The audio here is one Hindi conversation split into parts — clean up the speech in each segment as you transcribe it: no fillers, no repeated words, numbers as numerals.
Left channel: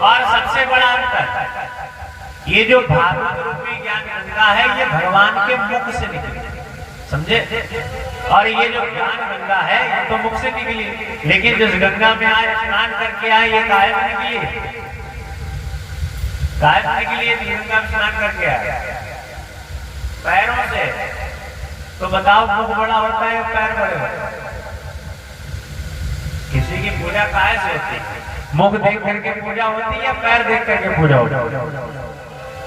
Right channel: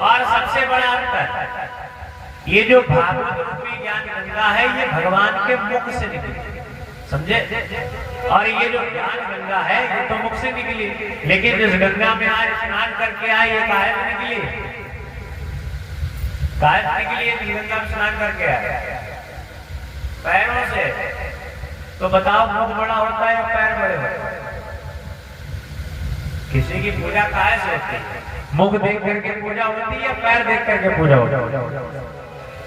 और सबसे बड़ा अंतर, ये जो भागवत रूपी ज्ञान गंगा है ये भगवान के मुख से निकली, समझे? और ये जो ज्ञान गंगा है ये तो मुख से निकली, लेकिन जिस गंगा में आए स्नान करके आए ये काहे से निकली? काहे से निकली? गंगा में स्नान करके आए पैरों से। तो बताओ मुख बड़ा होता है पैर बड़े होते हैं? किसी की पूजा काहे से होती है? मुख देख करके पूजा होती है या पैर देख करके पूजा होती है?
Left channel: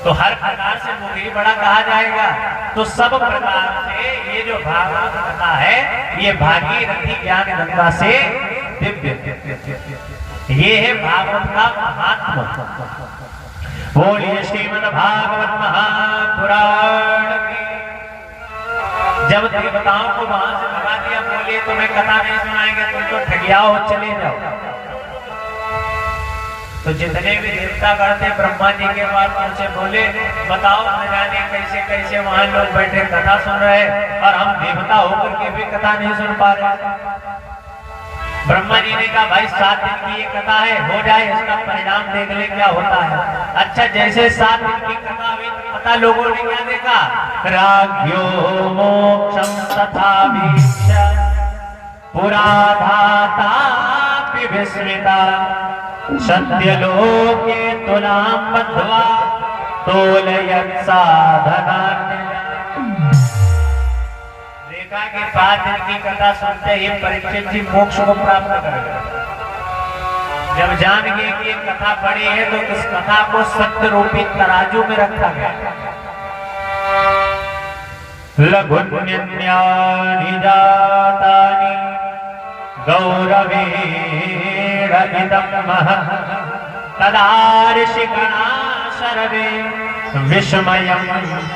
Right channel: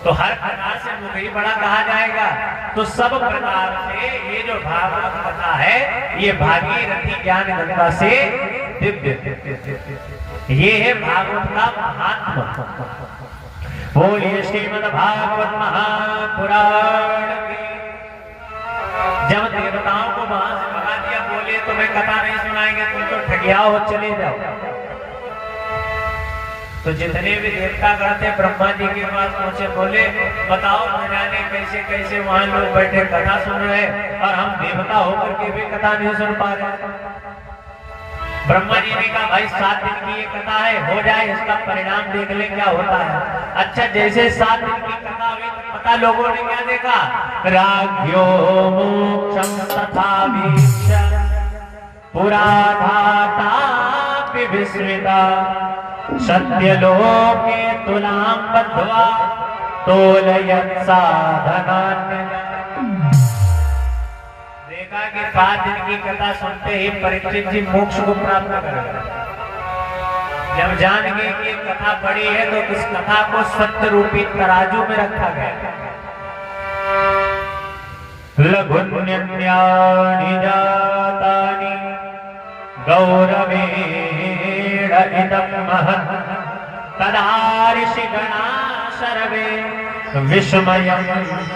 तो हर प्रकार से मुख ही बड़ा कहा जाएगा। तो सब प्रकार से ये जो भागवत कथा है ये भागीरथी ज्ञान गंगा से दिव्य, ये है भागवत का महात्मा। बोलिए श्रीमद् भागवत महापुराण की। जब देवताओं को वहां से भगा दिया, बोले तुम्हें कथा नहीं सुनाएंगे, तुम तो ठगियाओ, चले जाओ। तो जितने भी देवता गण थे ब्रह्मा जी के पास पहुंचे, बोले बताओ न जाने कैसे कैसे वहां लोग बैठे कथा सुन रहे और हम देवता होकर के भी कथा नहीं सुन पा रहे। ब्रह्मा जी ने कहा भाई 7 दिन की ये कथा है, हो जाए इसका परिणाम देख ले क्या होता है। अच्छा जैसे 7 दिन की कथा हुई पता लोगों ने क्या देखा? राज्यो मोक्षम तथा वीक्ष्य पुराधाता विस्मृता सत्यलोके तुलां बद्ध्वा तोलयत् साधनान्। देखा कि 7 दिन की कथा सुनते ही परीक्षित जी मोक्ष को प्राप्त कर गए। जब जान गए कि कथा बड़ी है तो इस कथा को सत्य रूपी तराजू में रखा गया। लघुन्यन्यानि जातानि गौरवेण इदं महत् तदा ऋषिगणा सर्वे विस्मयं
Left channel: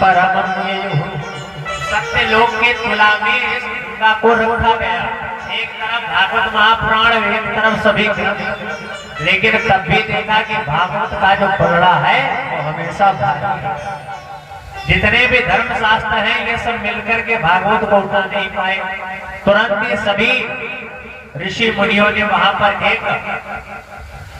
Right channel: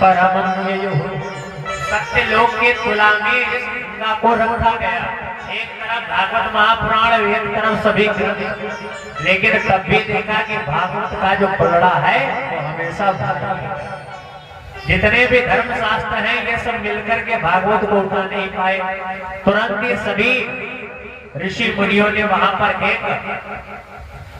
परमं ययुः। सत्य लोक के तुला में इस गंगा को रखा गया। एक तरफ भागवत महापुराण, एक तरफ सभी, लेकिन तब भी देखा कि भागवत का जो पलड़ा है वो हमेशा जितने भी धर्म शास्त्र हैं ये सब मिलकर के भागवत को उठा नहीं पाए। तुरंत ये सभी ऋषि मुनियों ने वहां पर एक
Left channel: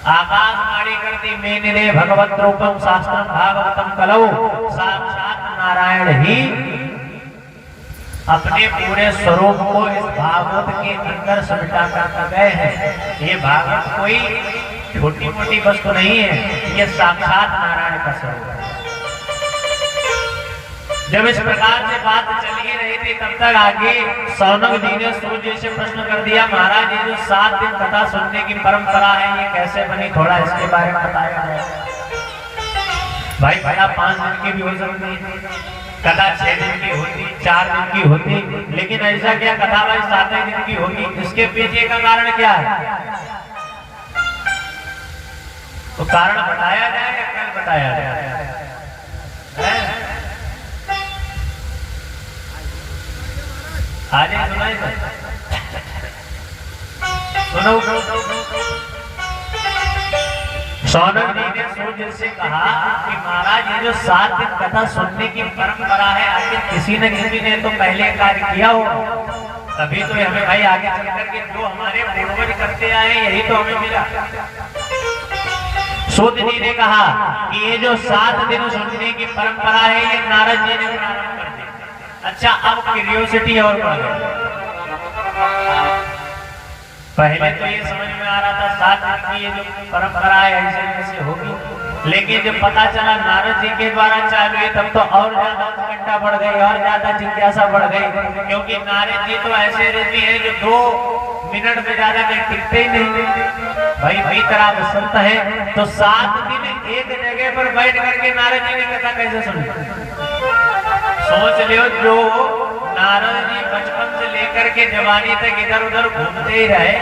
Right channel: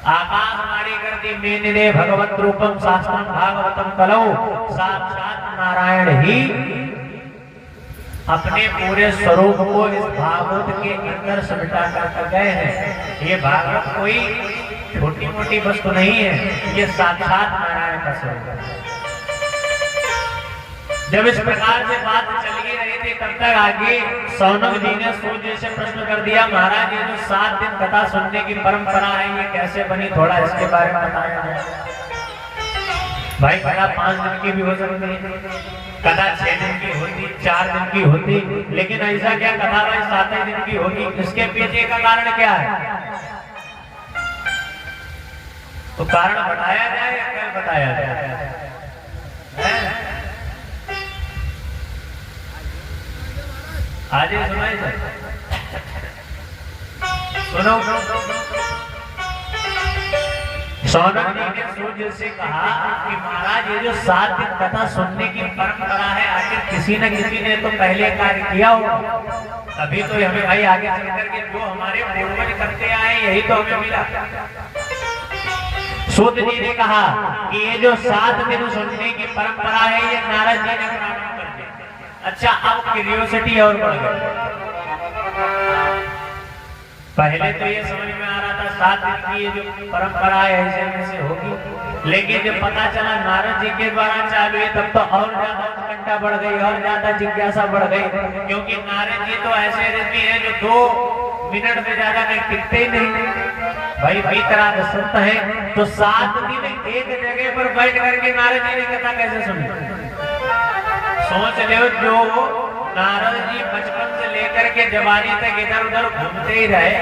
आकाशवाणी कर दी, मेनिरे भगवत रूपम शास्त्रम भागवतम कलौ। साक्षात नारायण ही अपने पूरे स्वरूप को इस भागवत के अंदर समेटा कर गए हैं। ये भागवत कोई छोटी मोटी वस्तु नहीं है, ये साक्षात नारायण का स्वरूप है। जब इस प्रकार से बात चल ही रही थी तब तक आगे सौनक जी ने सूर्य से प्रश्न कर दिया, महाराज ये जो 7 दिन कथा सुनने की परंपरा है ये कैसे बनी, थोड़ा इसके बारे में बताया जाए। भाई कथा 5 दिन की भी हो सकती है, कथा 6 दिन की होती, 4 दिन की होती, लेकिन ऐसा क्या कथा भाई 7 दिन की होगी? इसके पीछे का कारण क्या है? तो कारण बताया जाए या कल बताया जाए? आज ही सुनाई सुनो। सौनक जी ने सूर्य से कहा कि महाराज ये जो 7 दिन कथा सुनने की परंपरा है आखिर किसी न किसी ने तो पहले कार्य किया हो, तभी तो हमें भाई आगे चल करके जो हमारे पूर्वज करते आए यही तो हमें मिला। सूर्य जी ने कहा कि ये जो 7 दिन सुनने की परंपरा है ये नारद जी ने प्रारंभ कर दी। अच्छा अब क्यूरियोसिटी और बढ़ गई। पहले तो ये समझ में आ रहा था 7 दिन की ये जो परंपरा है ऐसे ऐसे होगी, लेकिन जब पता चला नारद जी के द्वारा चालू है तब तो और ज्यादा उत्कंठा बढ़ गई और ज्यादा जिज्ञासा बढ़ गई, क्योंकि नारद जी तो ऐसे ऋषि हैं जो 2 मिनट में ज्यादा नहीं टिकते ही नहीं। भाई तरह बसंत है तो 7 दिन एक जगह पर बैठ करके नारद जी ने कथा कैसे सुनी? सोच लो, जो नारद जी बचपन से लेकर के जवानी तक इधर उधर घूमते ही रहे,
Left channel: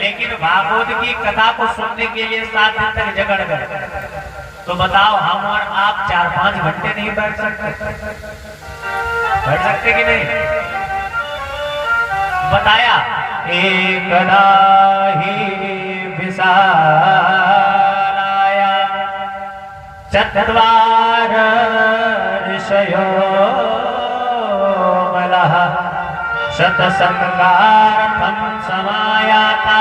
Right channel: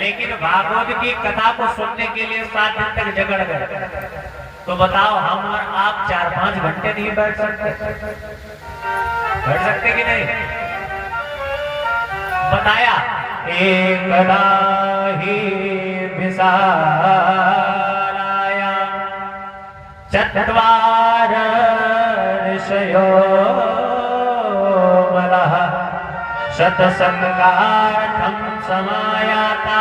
लेकिन भागवत की कथा को सुनने के लिए 7 दिन तक जगड़ गए, तो बताओ हम और आप 4-5 घंटे नहीं बैठ सकते? बैठ सकते कि नहीं? बताया एकदा ही विशालाया चत्वार ऋषयो मलः शतसंगार्थं समायाता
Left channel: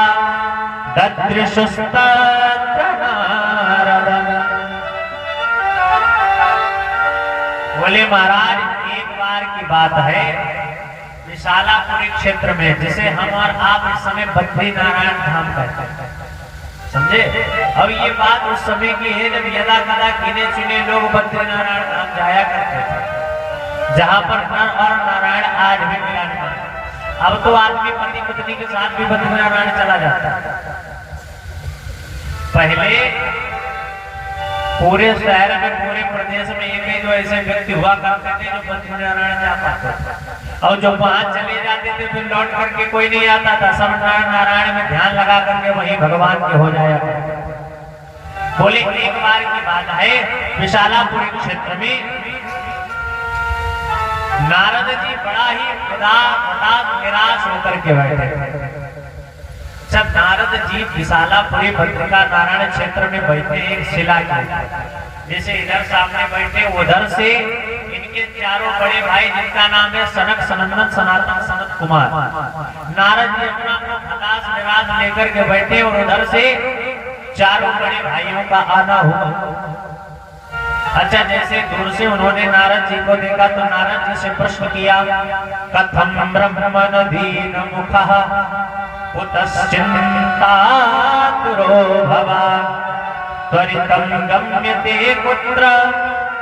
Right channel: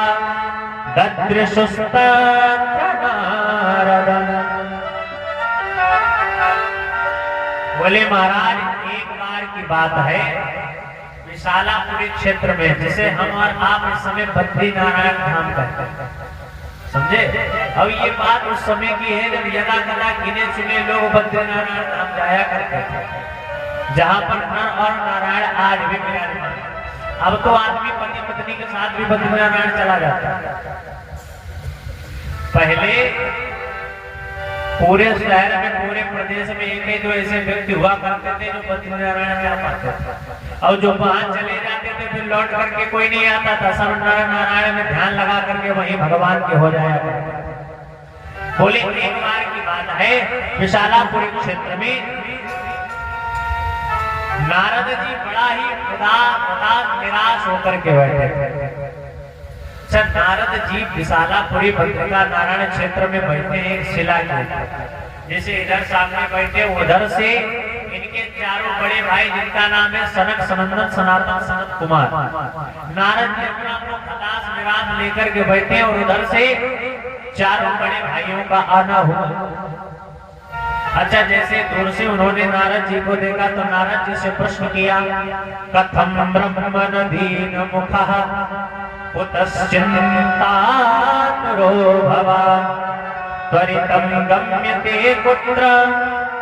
ददृशुस्तत्र नारद बोले महाराज एक बार की बात है, विशालापुरी क्षेत्र में, जिसे हम और आप इस समय बद्री नारायण धाम कहते हैं, समझे। अब ये बात उस समय की है जब यदा कदा गिने चुने लोग बद्री नारायण धाम जाया करते थे, जहाँ पर नर और नारायण आज भी विराजमान। अब तो आदमी पति पत्नी के साथ भी बद्री नारायण चला जाता है। पहले पूरे शहर में, पूरे प्रदेश में एक जो ऐसे व्यक्ति हुआ करते थे जो बद्री नारायण जा पाते थे, और जो वहां चले जाते थे फिर लौट करके कोई नहीं आता था, सब नारायण में ध्यान लगा करके वहीं भगवान के हो जाया करते। बोले एक बार की बात है, विशालापुरी क्षेत्र में नारद जी बड़ा ही उदास निराश होकर के बैठे। जब नारद जी विशालापुरी बद्रिका नारायण क्षेत्र में बैठे एक शिला के, जैसे इधर सामने बैठे, उधर से इनके चारों बड़े भाई जिनका नाम है सनक, सनंदन, सनातन, सनत कुमार, नारद जी अपना खलास निराश लेकर के बैठे और उधर से चारों बड़े भाइयों का आना हुआ। अच्छा, जैसे दूर से उन्होंने नारद जी को देखा तो नारद जी से प्रश्न किया, कथम ब्रह्मणधीन मुखः कुतश्चिन्तातुरो भवा त्वरितं गम्यते कुत्र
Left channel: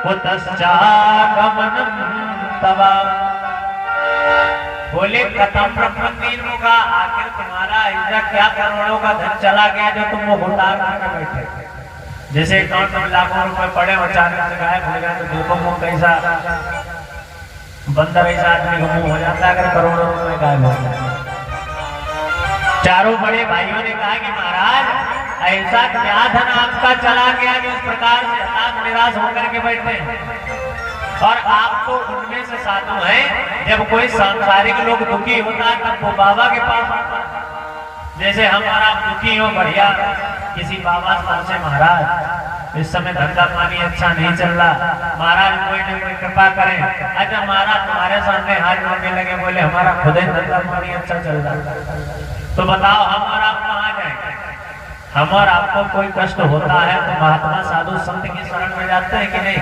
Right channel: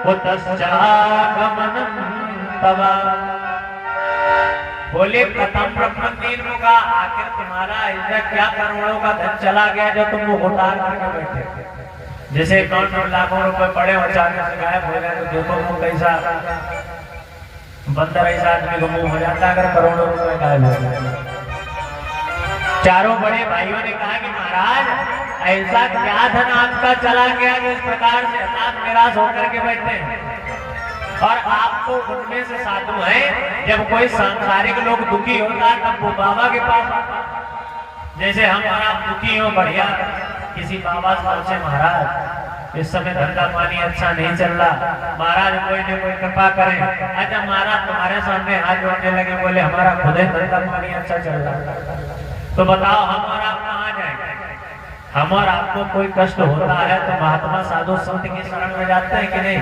कुतश्चागमनं तव। बोले कथम ब्रह्मणधीन मुखा, आखिर तुम्हारा ऐसा क्या करोड़ों का धन चला गया जो तुम मुंह उतार करके बैठे। जैसे अकाउंट में लाखों रुपए पड़े और अचानक से गायब हो जाए तो देखो मुंह कैसा बंदर ऐसा आदमी का मुंह हो जाता है अगर करोड़ों रुपए गायब हो जाए। चारों बड़े भाइयों ने कहा कि महाराज ऐसा क्या धन आपका चला गया जो इस प्रकार से हताश निराश होकर के बैठे हैं, और आप तो उनमें से साधु हैं, जब कोई सांसारिक लोग दुखी होता है तब वो बाबा के पास आता। जैसे हम और आप दुखी हो, बढ़िया किसी बाबा से, महाराज इस समय धंधा पानी अच्छा नहीं चल रहा, महाराज कोई न कोई कृपा करें। अच्छा महाराज तुम्हारे सामने हाथ जोड़ने लगे, बोले हमारा खुद ही धंधा पानी अच्छा चल रहा, तो बताओ हम और आप कहाँ जाएं? हम और आपको कोई कष्ट होता है तो महात्मा साधु संत की शरण में जाते हैं कि नहीं?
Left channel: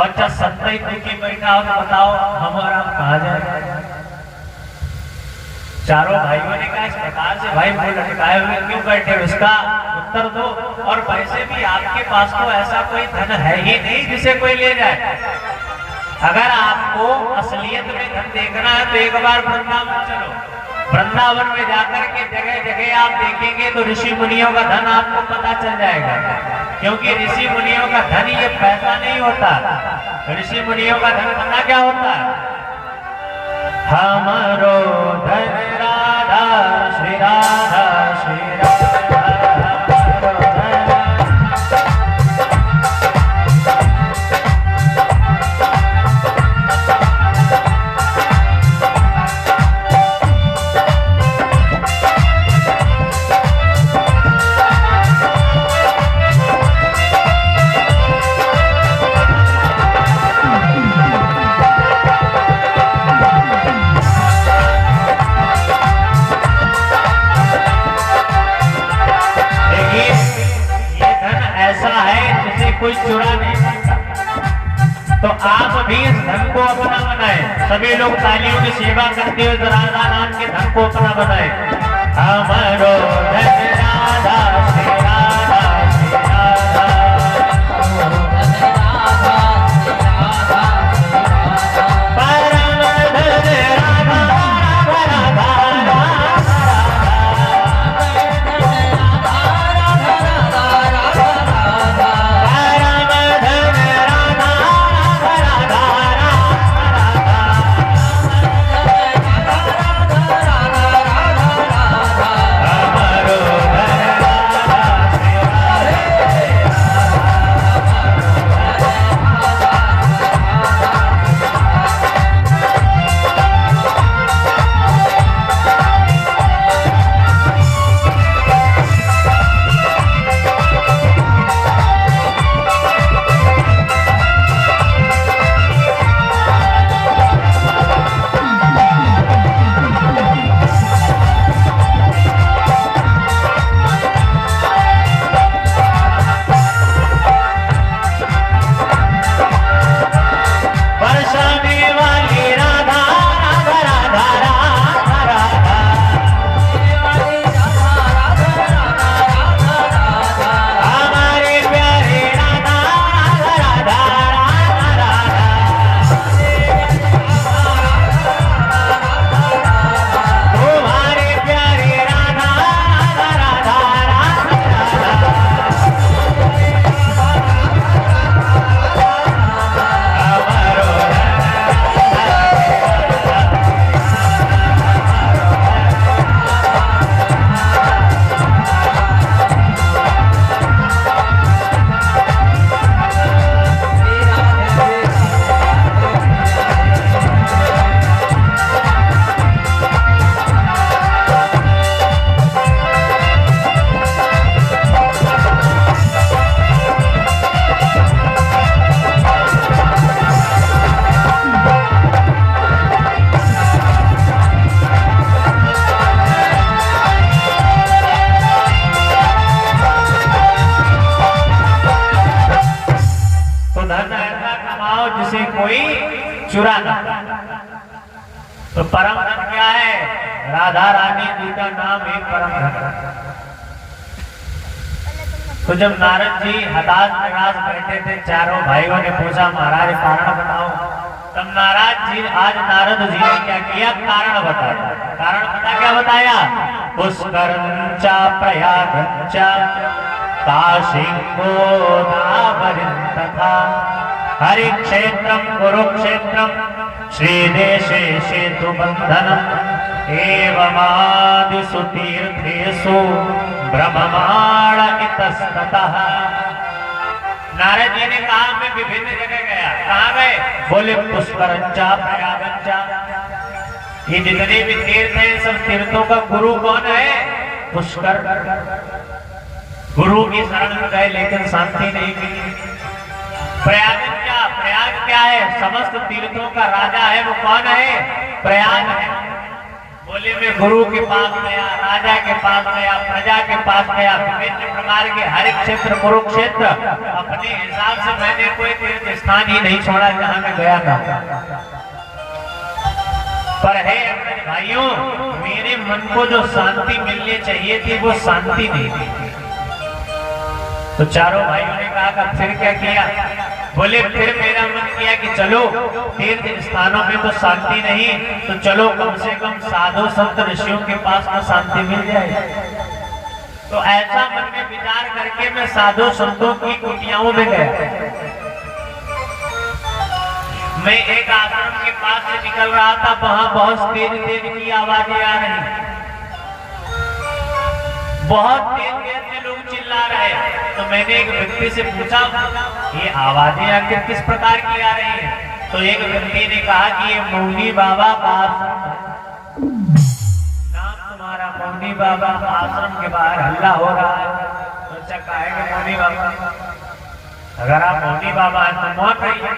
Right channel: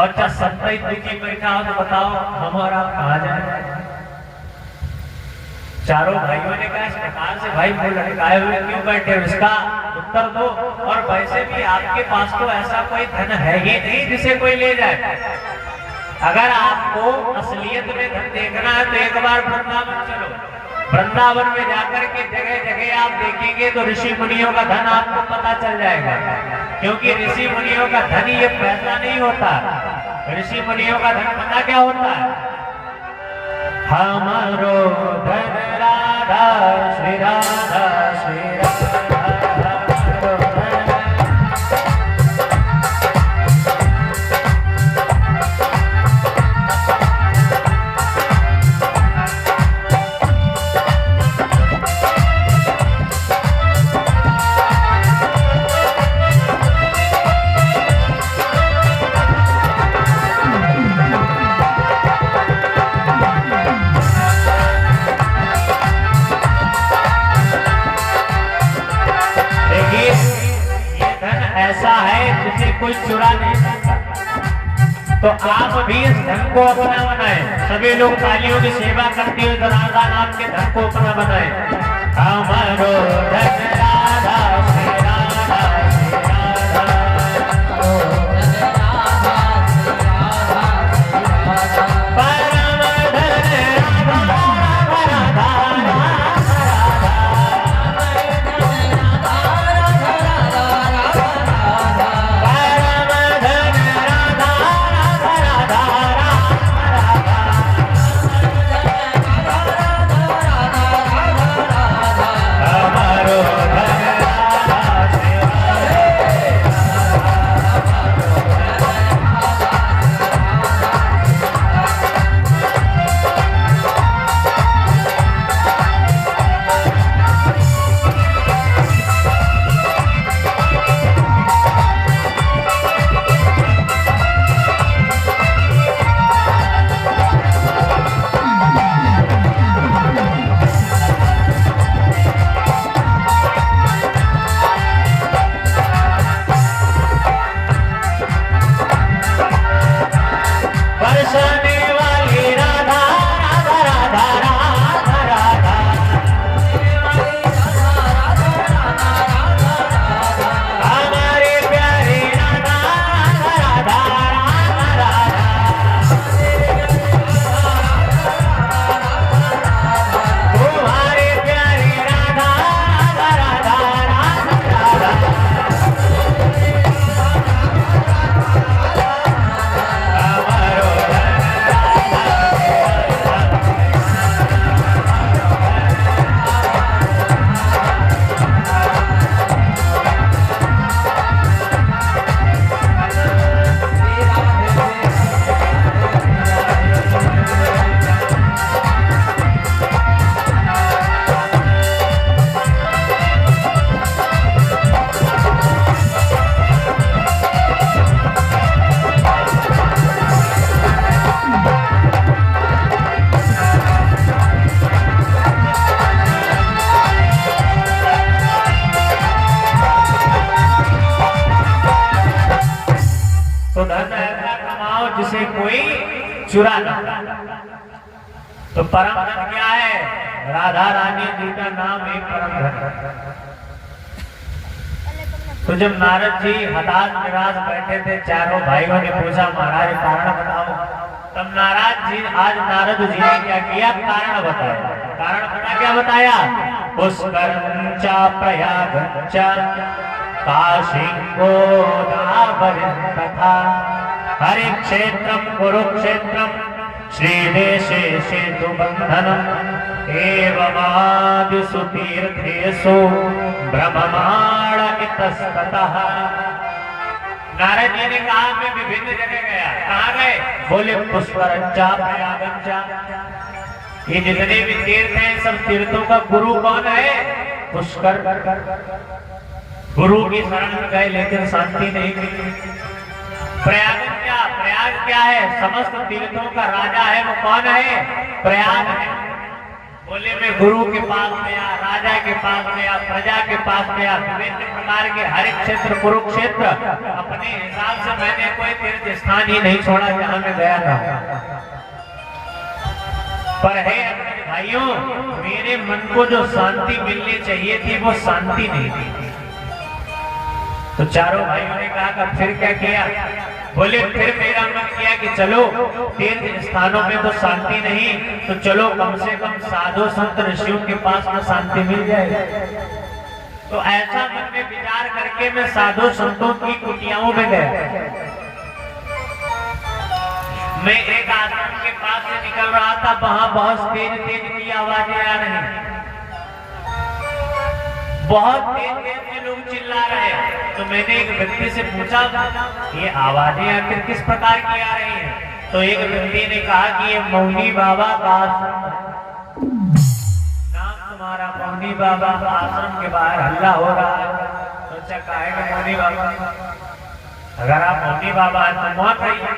और जब संत ही दुखी बैठा हो तो बताओ हम और आप कहाँ जाएं? चारों भाइयों ने कहा इस प्रकार से भाई बोल लटकाए हुए क्यों बैठे, उसका उत्तर दो। और वैसे भी आपके पास तो ऐसा कोई धन है ही नहीं जिसे कोई ले जाए। अगर आपको असलियत में धन देखना है तो एक बार वृंदावन चलो, वृंदावन में जाकर के जगह जगह आप देखेंगे तो ऋषि मुनियों का धन आपको पता चल जाएगा। क्योंकि ऋषि मुनियों का धन ये पैसा नहीं होता, ऋषि मुनियों का धन पता क्या होता है? हमारो धन राधा श्री राधा श्री राधा। कोई चुरा नहीं सकता, तो आप भी इस धन को अपना बनाए। सभी लोग तालियों की सेवा करते हुए राधा नाम के धन को अपना बनाए। हमारो धन राधा श्री राधा श्री राधा, परम धन राधा राधा हमारो धन से कोई चुरा ना। तो परम धन क्या है? राधा रानी जी का नाम ही परम धन। तो जब नारद जी हताश निराश बैठे थे, चारों भाइयों ने पूछा महाराज कारण बताओ। तब नारद जी ने क्या किया? कारण बताया। कारण पता क्या बताया? पुष्करंच प्रयागंच काशीं गोदावरीं तथा हरि क्षेत्रं कुरुक्षेत्रं श्रीदेशे सेतुबन्धनम् एवमादिषु तीर्थेषु ब्रह्ममाण इतस्ततः। नारद जी ने कहा मैं विभिन्न जगह गया। कहाँ गए? बोले पुष्करंचा प्रयागंचा। ये जितने भी तीर्थ हैं सब तीर्थों का गुरु कौन है? पुष्कर। गुरु की शरण में गए लेकिन शांति नहीं मिली। प्रयाग क्या है? समस्त तीर्थों का राजा है, वो कौन है? प्रयाग है। बोले मैं गुरु के पास गया, राजा के पास गया, प्रजा के पास गया, विभिन्न प्रकार के हर क्षेत्र कुरुक्षेत्र, अपने हिसाब से मैंने कोई तीर्थ स्थान ही नहीं छोड़ा जहां मैं गया था। पर है अपने भाइयों, मेरे मन को जो शांति मिलनी चाहिए थी वो शांति नहीं थी। तो चारों भाइयों ने कहा फिर क्या किया? बोले फिर मेरा मन किया कि चलो तीर्थ स्थानों में तो शांति नहीं, तो चलो कम से कम साधु संत ऋषियों के पास तो शांति मिल जाए। तो ऐसा मन में विचार करके मैं साधु संतों की कुटियाओं में गया। मैं एक आश्रम के पास से निकल रहा था, वहां बहुत तेज की आवाजें आ रही, बहुत तेज में लोग चिल्ला रहे हैं। तो मैंने एक व्यक्ति से पूछा ये आवाजें आखिर किस प्रकार की आ रही हैं? तो एक व्यक्ति ने कहा कि ये मौनी बाबा का नाम तुम्हारा मौनी बाबा आश्रम के बाहर हल्ला हो रहा है। तो अच्छा कहेगा मौनी बाबा? अगर आप मौनी बाबा हैं तो वहां कहिए।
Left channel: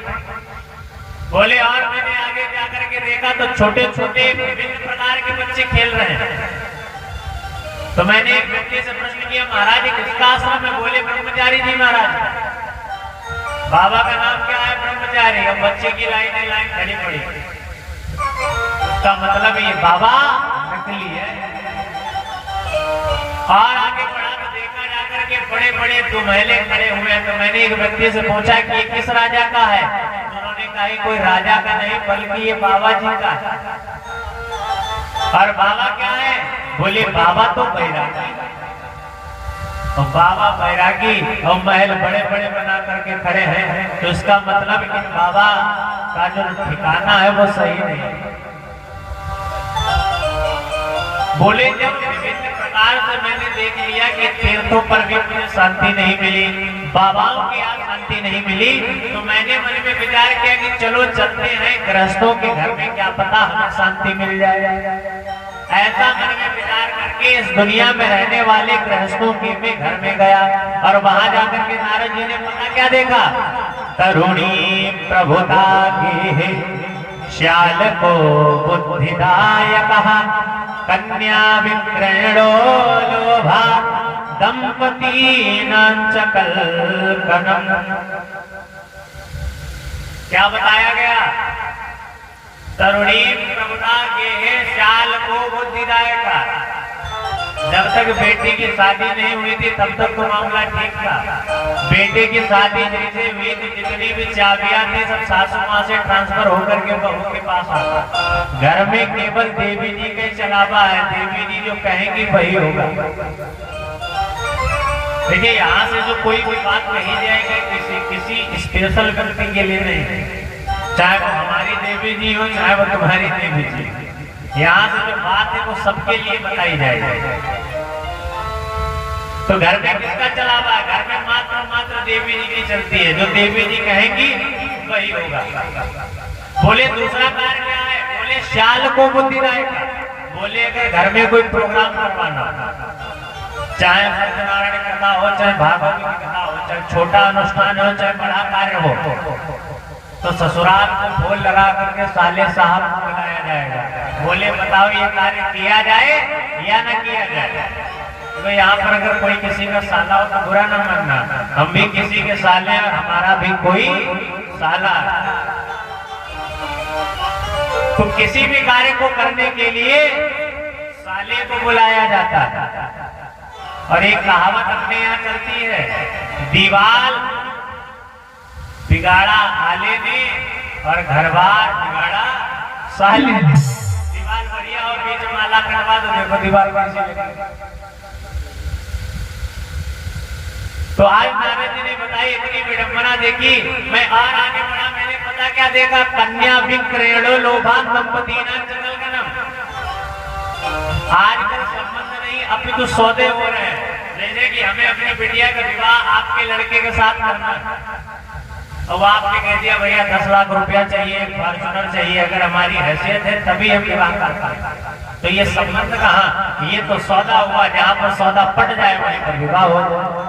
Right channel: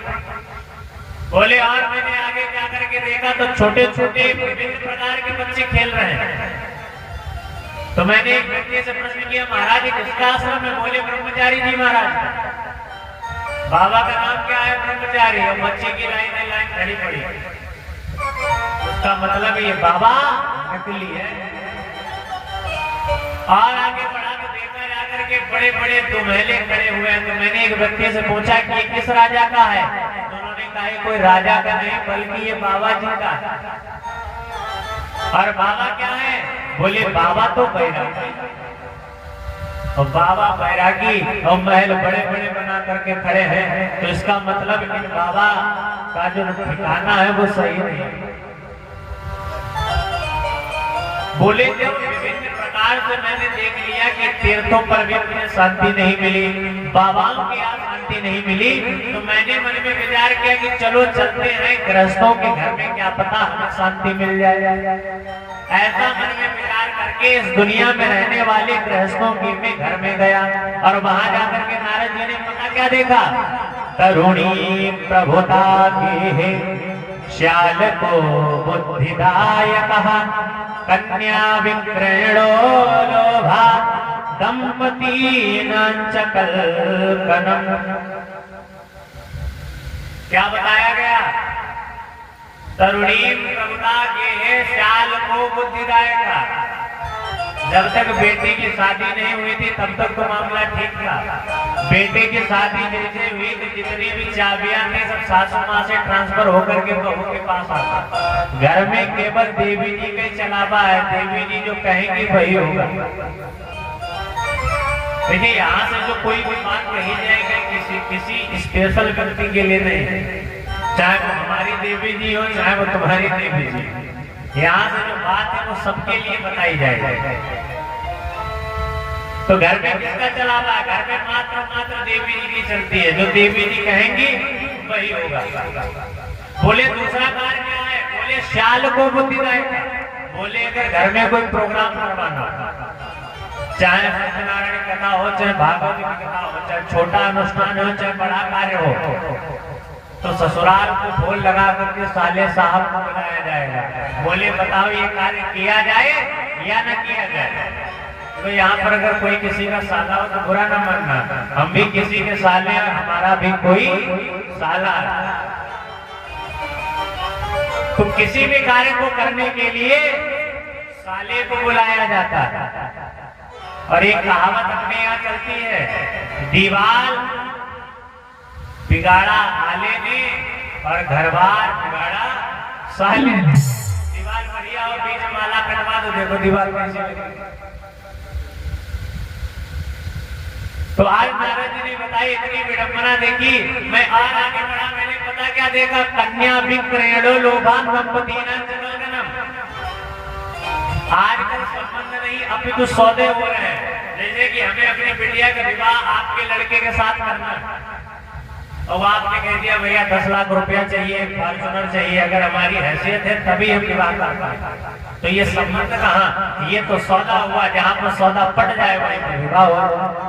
बोले और मैंने आगे जाकर के देखा तो छोटे छोटे विभिन्न प्रकार के बच्चे खेल रहे हैं। तो मैंने एक व्यक्ति से प्रश्न किया महाराज किसका आश्रम में? बोले ब्रह्मचारी जी महाराज। बाबा का नाम क्या है? ब्रह्मचारी। अब बच्चे की लाइन खड़ी पड़ी। उसका मतलब ये बाबा नकली है। और आगे बढ़ा तो देखा जाकर के बड़े बड़े दो महले खड़े हुए हैं। तो मैंने एक व्यक्ति से पूछा कि ये किस राजा का है? उन्होंने कहा कोई राजा का नहीं बल्कि ये बाबा जी का है। और बाबा क्या है? बोले बाबा तो बैरागी। और बाबा बैरागी और महल बड़े बड़े बना करके खड़े हैं, तो इसका मतलब कि बाबा का जो ठिकाना है वो सही नहीं। बोले जब विभिन्न प्रकार से मैंने देख लिया कि तीर्थों पर भी मुझे शांति नहीं मिली, बाबाओं के यहाँ शांति नहीं मिली, तो मैंने मन में विचार किया कि चलो चलते हैं गृहस्थों के घर में, क्या पता हमें शांति मिल जाए। ऐसा मन में विचार करके इस दुनिया में रहने वाले गृहस्थों के भी घर में गया। और वहां जाकर के नारद जी ने पता क्या देखा? तरुणी प्रभुता की है श्याल को बुद्धिदायक कन्या विक्रयणो लोभा दंपती कल्पनम। क्या बताया गया? तरुणी प्रभुता के है श्याल को बुद्धिदायक। जब तक बेटी की शादी नहीं हुई थी तब तक तो मामला ठीक था। बेटे की शादी जैसे हुई थी जितनी भी चाबियां थी सब सासू माँ से ट्रांसफर होकर के बहू के पास आता। घर में केवल देवी जी के चलावा है, देवी जी जो कहेंगी वही होगा। देखिए यहाँ से जो कोई बात कही जाएगी किसी स्पेशल व्यक्ति के लिए नहीं, चाहे वो हमारी देवी जी हो चाहे वो तुम्हारी देवी जी। यहाँ से जो बात है वो सबके लिए बताई जाएगी। तो घर में किसका चलावा? घर में मात्र देवी जी की चलती है, जो देवी जी कहेंगी वही होगा। बोले दूसरा कार्य क्या है? बोले श्याल को बुद्धिदायक। बोले अगर घर में कोई प्रोग्राम करवाना, चाहे सत्यनारायण कथा हो, चाहे भागवत की कथा हो, चाहे छोटा अनुष्ठान हो, चाहे बड़ा कार्य हो, तो ससुराल को ढोल लगा करके साले साहब को बुलाया जाएगा। बोले बताओ ये कार्य किया जाए या ना किया जाए? तो यहाँ पर अगर कोई किसी का साला हो तो बुरा ना मानना, हम भी किसी के साले और हमारा भी कोई साला। तो किसी भी कार्य को करने के लिए साले को बुलाया जाता है। और एक कहावत अपने यहाँ चलती है, दीवार बिगाड़ा आले ने और घरबार बिगाड़ा साले ने। दीवार बढ़िया और बीच में माला कटवा दो, देखो दीवार कैसी लगी। तो आज नारद जी ने बताई, इतनी विडंबना देखी। मैं और आगे बढ़ा, मैंने पता क्या देखा, कन्या विक्रेणो लोभान दंपतीनां जगलगनम। आजकल संबंध नहीं, अभी तो सौदे हो रहे हैं। जैसे कि हमें अपनी बिटिया का विवाह आपके लड़के के साथ करना, तो आपने कह दिया भैया 10 लाख रुपया चाहिए, फॉर्चुनर चाहिए, अगर हमारी हैसियत है तभी हम विवाह करते। तो ये संबंध कहाँ, ये तो सौदा हुआ, जहाँ पर सौदा पट जाए वहीं पर विवाह हुआ।